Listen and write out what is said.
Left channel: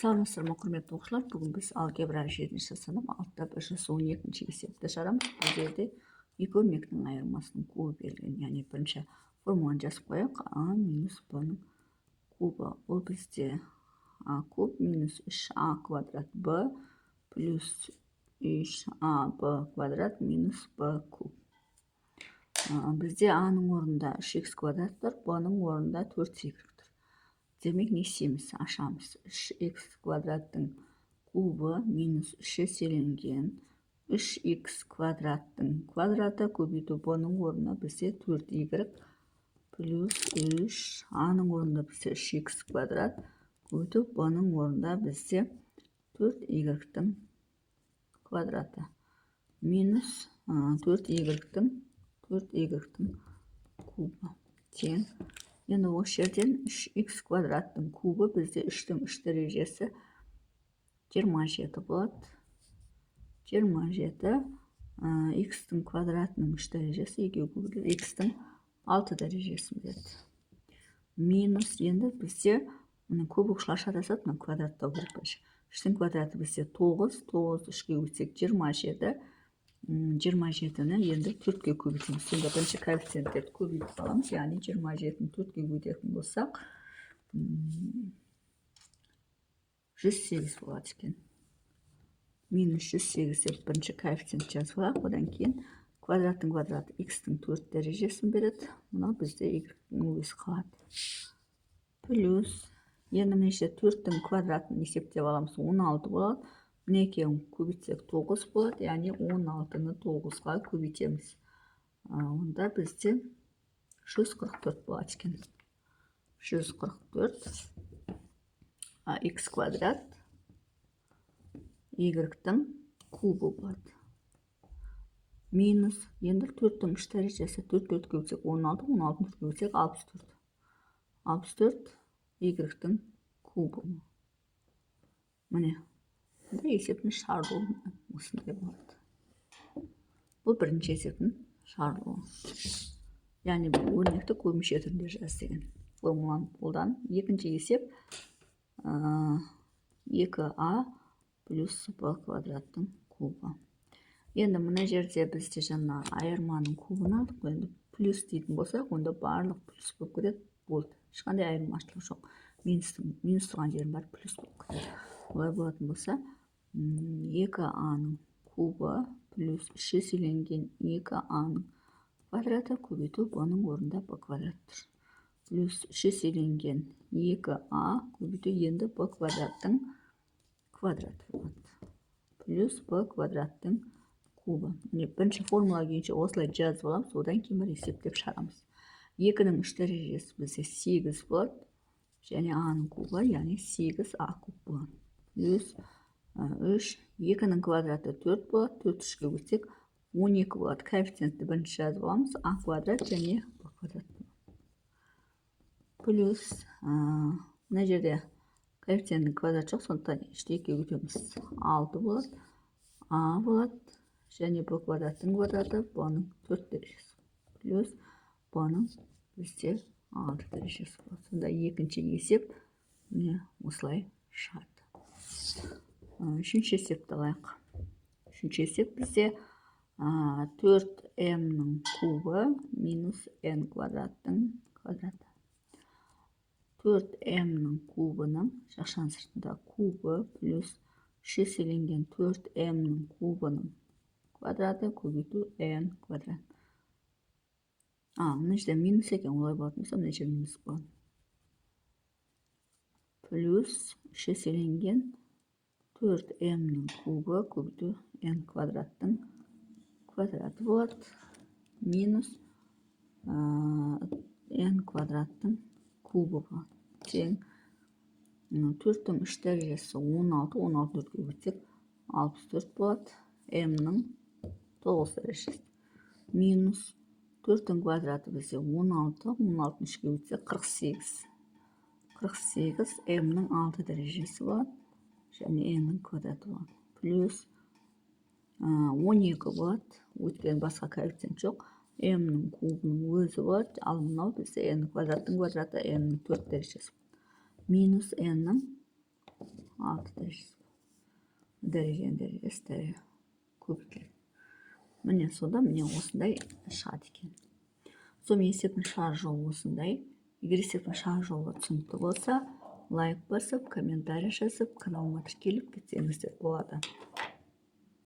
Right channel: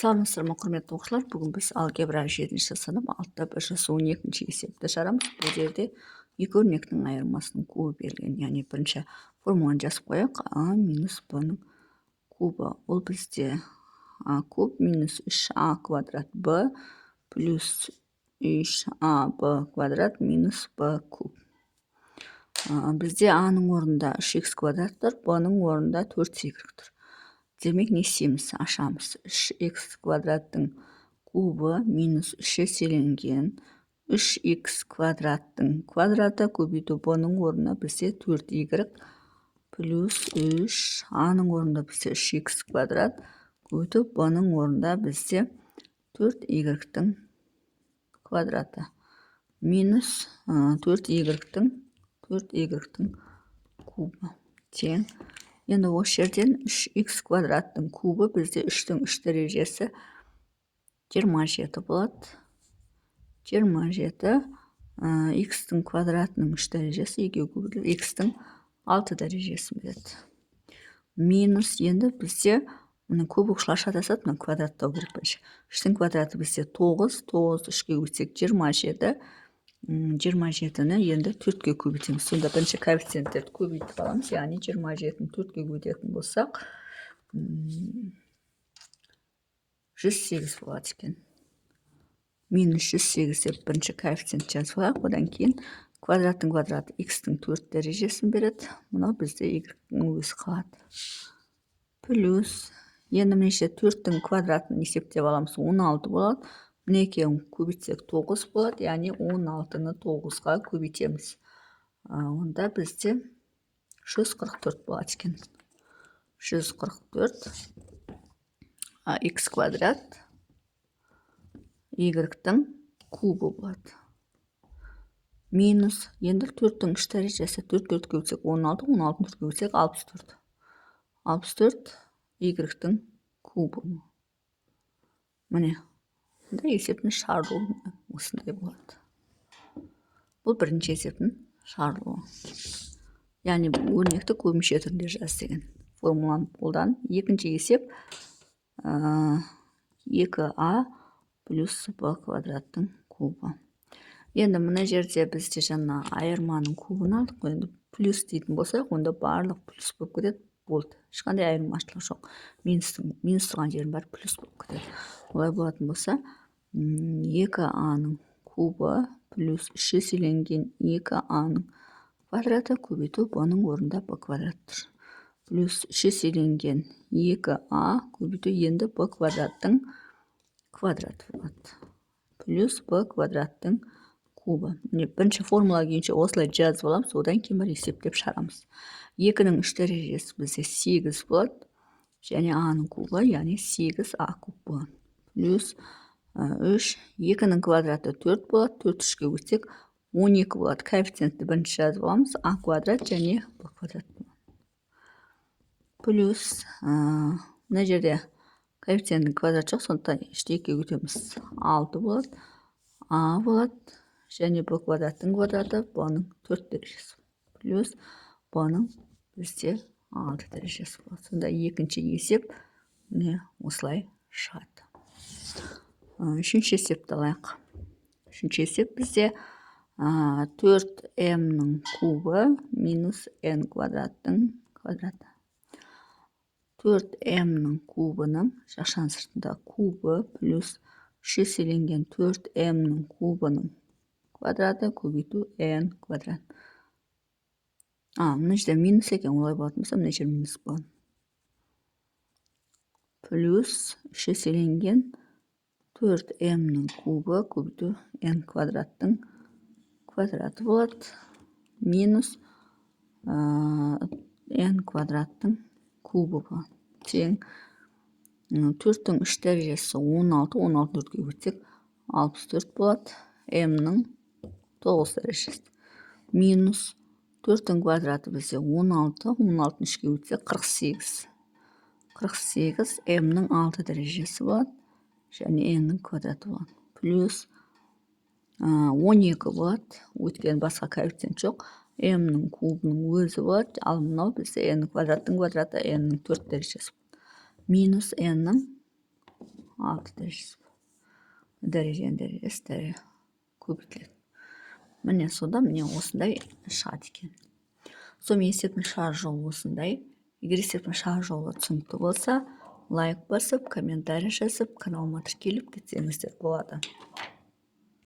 Саламатсыздар ма, құрметті оқушылар. Бүгін біз алгебра 7-ші сынып 6-112 есепті шығарамыз. Бұл жерде екі өрнектің айырмасының кубы берілген, яғни бірінші формуланы жазып қояйық. А минус б-ның кубы. Ол бізде а куб минус 3а квадрат б плюс 3аб квадрат минус б куб. Бізде а-ның орнында 3х квадрат тұр, б-ның орнында 4y тұр. Демек не істейміз? Ашамыз. 3х квадраттың кубы минус 3 еселенген 3х квадраттың квадраты көбейту б-ның орнына бізде 4y плюс 3, а-ның орнында бізде 3х квадрат көбейту б-ның орнында бізде 4y-тің квадраты минус 4y-тің кубы тең. Енді осы жерден 3х квадраттың кубы бізде 3-тің 3 дәрежесі 27 болады. 27 х-тің квадратының 3 дәрежесі екеу көбейтіліп х-тің 6 дәрежесін береді. Минус енді бізде көп ұқшылар шатасады, мына квадраттау керек бірінші. 3-тің квадраты бізде 9, 9 3-ке көбейтсек 27. 27-ні енді 4-ке көбейтеміз. Сонда бірінші коэффициенттерді көбейтіп аламыз, яғни 27-ні 4-ке көбейтетін болсақ, 108 болады екен. Минус 108 деп бірінші коэффициент жазып алайық. Одан кейін квадраттың квадраты х-тің 4 дәрежесін береді. Мынау бізде y-тің өзі қалады. Плюс енді мінеше 4-тің квадратын есептеп аламыз, 16 болады. Міне екеуін көбейтсек 9 болады, яғни 16-ны 9-ға көбейтеміз. Онда бізде 144 болады екен. 144 х квадрат y-тің кубы болады. Минус енді 4-тің 3 дәрежесі 4-4 көбейтсек 16, 16-ны 4 көбейтсек 64. 64 y-тің кубы. Міне есептің шығарылуы осындай болады. Бұл бірінші есептің шығарылуы. Яғни өрнекті көбінше түрінде жаз деген формуланы қолдан. Екінші есеп 2а плюс б квадраттың кубы. Енді мына жерде бізде жаңа айырманың кубын алдық. Енді плюс дейтін болсақ, онда барлық плюс болып кетеді. Болды. Ешқандай айырмашылық жоқ. Минус тұрған жерін бар плюс болып кетеді. Олай болатын болса, 2а-ның кубы плюс 3 еселенген 2а-ның квадраты көбейту б-ның орнында б квадрат тұр. Плюс 3 еселенген 2а көбейту енді б квадраттың квадраты болады. Плюс б квадраттың кубы. Бірінші формула күйінше осылай жазып аламыз, одан кейін бар есептеп шығарамыз. 2-нің 3 дәрежесі бізде 8 болады. Және а-ның кубы, яғни 8а куб болады. Плюс 3, 2-нің квадраты 4 болады, 4 3-ке көбейтсек 12 болады. Коэффициентті бірінші жазып аламыз, а квадрат және б квадрат. Плюс мына жерде коэффициенттің квадрат жоқ, сондықтан 3-ті 2-ге көбейтеміз 6 болады. А болады және б квадраттың квадраты б-ның 4 дәрежесі. Плюс б-ның бізде 6 дәрежесі болады. Сонда екінші есеп осылай шығады. Үшінші есепті алайық. Үшінші есеп бізде 4m-ның кубы минус n квадраттың квадраты. 4m-ның кубының жақшаның сыртында кубы плюс 3 еселенген 4m-ның кубының квадраты көбейту n квадрат. Мына жерде минус екен, олай болатын болса, мына жер минус болады. Плюс 3 еселенген 4m-ның кубы көбейту n квадраттың квадраты болады. Минус n квадраттың кубы болады. Тең 4-тің 3 дәрежесі 16, 16-ны 4-ке көбейтсек 64 болады. m-ның 9 дәрежесі. Минус 4-тің квадраты бізде 16, 16-ны 3-ке көбейтсек 48. 48 m-ның 6 дәрежесі болады. Және n-ның квадраты болады. Плюс 12 болады. Өткен басқа коэффициент жоқ. m-ның кубының өзі болады. Ал мынау бізде n квадраттың квадраты n-ның 4 дәрежесі. Минус n-ның 6 дәрежесі. Дәрежесі көбейтіледі. Міне сода міне осындай шығады екен. Сонымен есептің шығар жолы осындай. Егер есептің шығар жолы түсінікті болса, лайк басып, комментарий жазып, каналыма тіркеліп кетсеңіздер болады.